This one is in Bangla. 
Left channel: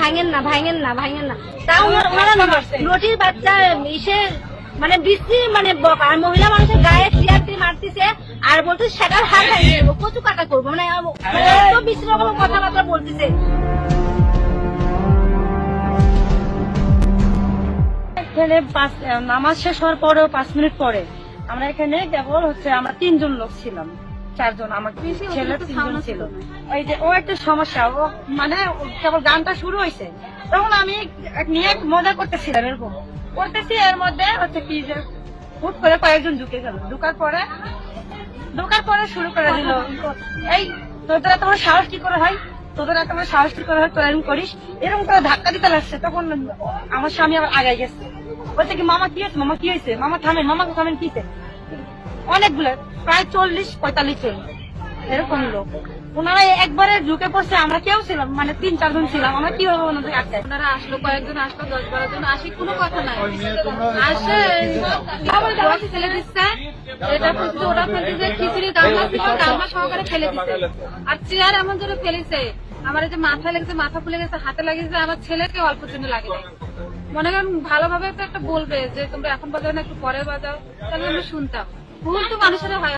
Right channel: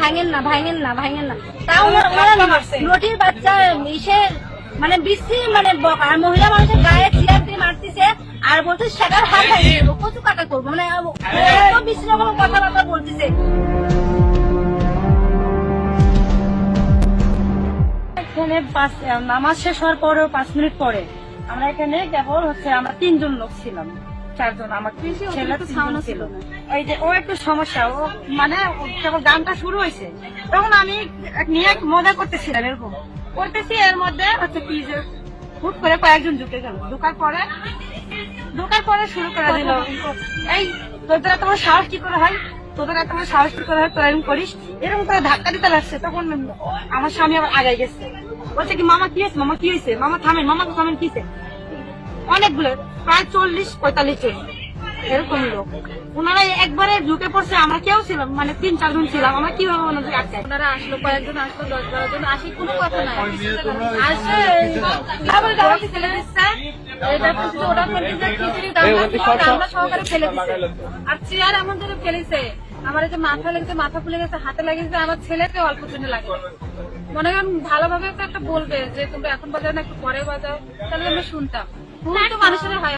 ভাঙেন না ভাঙেন না ভাঙেন না, তাও রুটির বাচ্চা মিশে মানে বিশ্রী মানে বকা, আর মহিলা মানুষের গায়ে চেয়ার দিয়ে মারতেছে আর বলছে সেটার হাত ভেঙে দেবো, কচু কাটা করবো, মানে এত বিশ্রী রকম কথাবার্তা বলতেছে। এখানে নামাজ শেষ হওয়ার পরেও 5 মিনিট পরে আমরা এখানে কেবল আমরা 3 জন লোক ছিলাম, 4 জন, আমার ছেলে 3 জন ছিল। ওই যে ও একটা সমস্যা, ও মানে কেবল গানটা শুরু হয়েছে তখন আমি নিয়ে মজা করতেছিলাম, এরকম করতেছি, এর মধ্যে কি যে হুট করে কয়েকজন ঢুকে গেল, ঢুকার পরে শুরু করে দিল, এই তোদের এত বড় সাহস কি করে হয়, তোদের এত বড় সাহস কি করে হয়, তোরা এরকম করিস, এরকম করে ধাক্কা দিতে লাগছে। তখন আমার স্বামী আবার আগাই গেছে, বলছে কি মামা কি হয়েছে, মামা কি হয়েছে, মামা থামেন, মামাকে থামেন, কি হয়েছে। অনেকগুলো প্রায় 40-45 জন এরকম লোক, ওনারা একবারে ঢুকে পড়ছে, আমরা কেউ ছিলাম মানে 3-4 জন ছিলাম, আমরা কিভাবে ওনাদের আটকাই। ওনারা আসলো, কয়েকজন আসলো, 10-12 জন আসি, কোনো কথা নাই, আসে ফেলে দিচ্ছে, এটা করছে, ওরা করছে, খিচুড়ি গামলা সহকারে ফেলে দিচ্ছে, আর চেয়ার এমন ধরে ফেলেছে, আমার যে মাথা লেগেছে, মাথা ফুলে গেছে, হাতে লাগিয়েছে, আমার ছেলেকে অল্প দিনে লাগে। মনে করেন ভালোভাবে তো একটা বলবে যে তোমরা এখন বাজাও না, একটু পরে বাজাও, তাহলে আমরা শুনতাম। ভুল তো মানুষের হয়।